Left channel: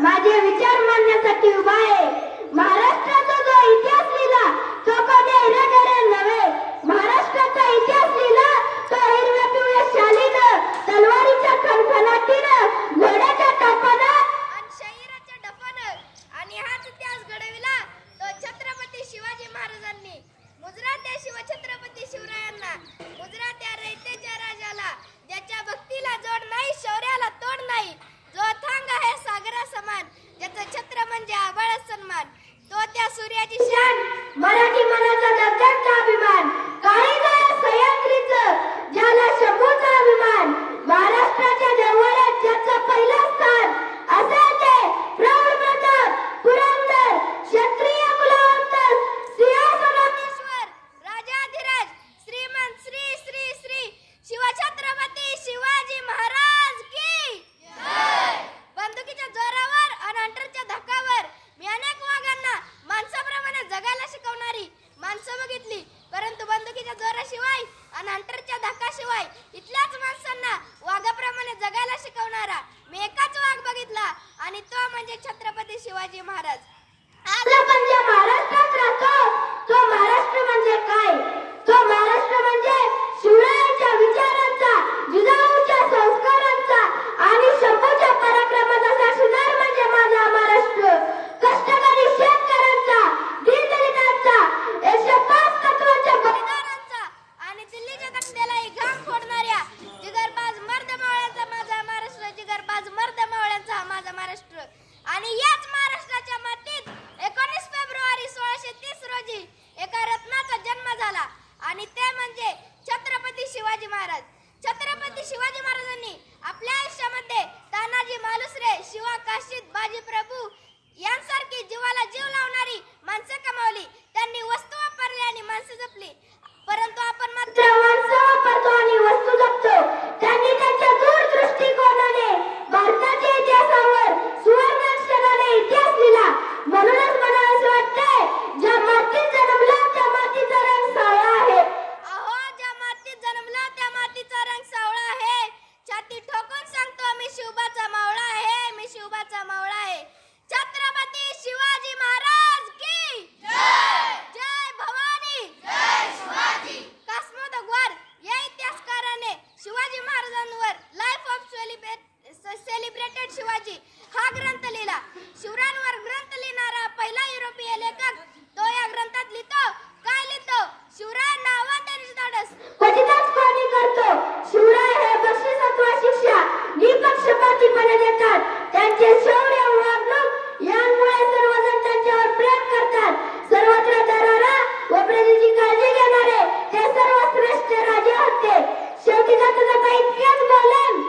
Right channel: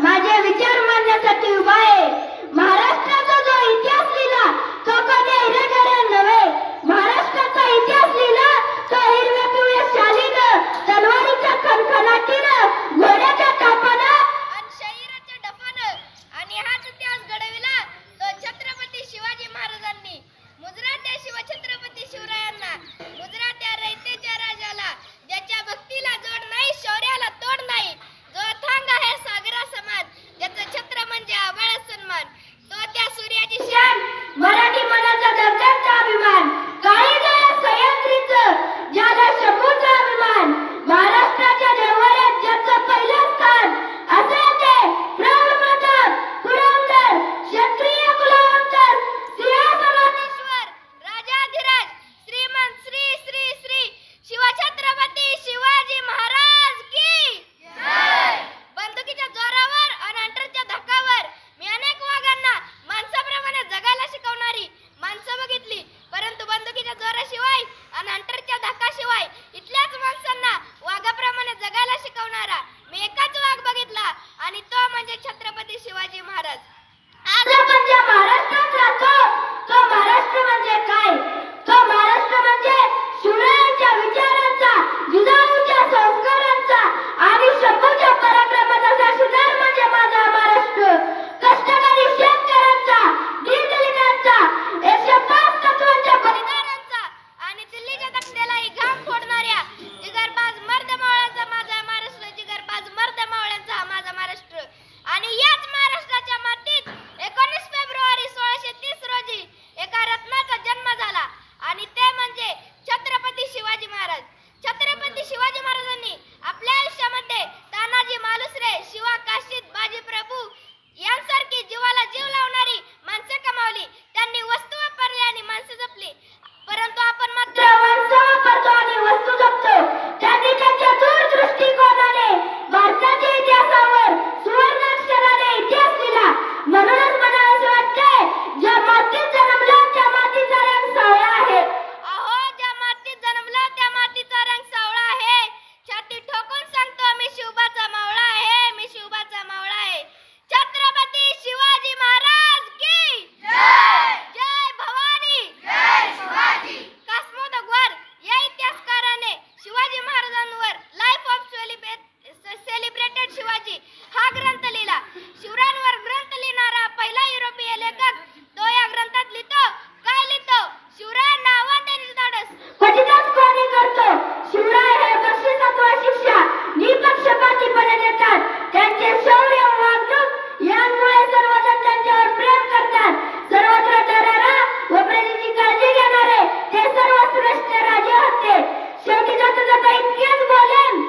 माझे विचार मांडण्यासाठी उभा आहे। महाराष्ट्राचा जो इतिहास लिहिला तो कोणी हिरेकडे नव्हे, महाराष्ट्राचा इतिहास लिहिला तो हिरव्या पिवळ्या शालीनं, तलवारीच्या खणखणाटीनं, घोड्याच्या तापानं आणि शरीराच्या डफानं। आणि हाच इतिहास घडविला तो छत्रपती शिवाजी महाराजांनी। मुजरा त्या शिवछत्रपती शिवरायांना, मुजरा त्या रयतेच्या राजाला, ज्याच्या भक्तीला जोड नाही, शौर्याला तोड नाही, जो अथांग आहे सागरा समान, ज्याचं छत्र म्हणजे आभाळ सन्मान, तो त्या सूर्याची शान, मराठी मनाचा दर्जाचा अभिमान, काळीदाया सह्याद्रीचं ज्याला शंभूचा अभिमान, महाराष्ट्राच्या देवळात ज्याचं पहिलं स्थान, असे ते प्रौढ प्रताप पुरंदर क्षत्रिय कुलवंत सिंहासनाधीश्वर राजाधिराज श्रीमंत श्री श्री श्री शिवछत्रपती शिवाजी महाराज की जय। बंदुकीच्या जोरावर आणि हंटरच्या धक्कावर मी अनेक वाघांना माणसाप्रमाणे जगायला शिकवणारी माणसं बघितली, परंतु बंदुकीच्या जोराशिवाय आणि हंटरच्या धक्काशिवाय इथल्याच माणसांना वाघाप्रमाणे जगायला शिकवणारा मी एकाच वाघ बघितला, आणि तो म्हणजे छत्रपती शिवाजी महाराज। आज आपण ज्या महाराष्ट्रात राहतो तो महाराष्ट्र म्हणजे काय? तो महाराष्ट्र म्हणजे शिवरायांच्या विचारांचा, जिजाऊच्या संस्कारांचा आणि शंभूच्या पराक्रमाचा साक्षीदार म्हणजे माझा महाराष्ट्र। कष्टकरी शेतकऱ्यांचा, दीनदलितांचा, 105 तत्वांच्या बलिदानांचा आणि दिल्लीच्या तख्त्यालाही घाम फोडणाऱ्या जिगरबाज मर्दमावळ्यांचा माझा महाराष्ट्र, जिगरबाज मर्दमावळ्यांचा हा माझा महाराष्ट्र। आणि याच महाराष्ट्राच्या मातीत 19 फेब्रुवारी 1630 रोजी एका रत्नाचा जन्म झाला, आणि ते म्हणजे छत्रपती शिवाजी महाराज। छत्रपती शिवाजी महाराजांनी आपल्या आयुष्यामध्ये तानाजी मालुसरे, शिवा काशीद, बाजी प्रभू यांसारखी जीवाला जीव लावणारी माणसे कमावली। त्यांनी वस्तू वापरली आणि माणसे जपली, परंतु आपण मात्र माणसं वापरतो आणि वस्तू जपतो। त्यांनी त्यांच्या दूरदृष्टिकोनाने भारताच्या इतिहासावर सुवर्णाक्षराने इतिहास लिहिला। म्हणूनच मला असं वाटतंय, ज्या मातीत जन्मलं त्या मातीचा रंग सावळा आहे। अहो, ज्या मातीत जन्मलं त्या मातीचा रंग सावळा आहे। छाती ठोकून सांगतो, मी शिवबाचा मावळा आहे, मी शिवबाचा मावळा आहे। छत्रपती शिवाजी महाराज की जय। जय भवानी, जय शिवाजी। कासमोद अग्रवाल या इतिहासकाराने शिवाजी महाराजांवर लाईफ ऑफ सेलिब्रेटेड शिवाजी हा ग्रंथ लिहिला। शिवरायांवर ग्रंथ लिहिणारा पहिला युरोपीय लेखक तो या ग्रंथात लिहितो, काय लिहितो? शिवरायांना आव्हान देण्याचे धाडस क्वचितच कोणी करतो। शिवराय हे बक्षीस अथवा शिक्षा निपक्षपातीपणे देतात। त्यांचे शौर्य व वागणूक यामुळे सर्वजण त्यांच्यावर प्रेम करतात। सर्वत्र दरारा व प्रजेची काळजी घेणारे ते सर्वश्रेष्ठ राजे होते। शेवटी जाता जाता इतकेच बोलेन,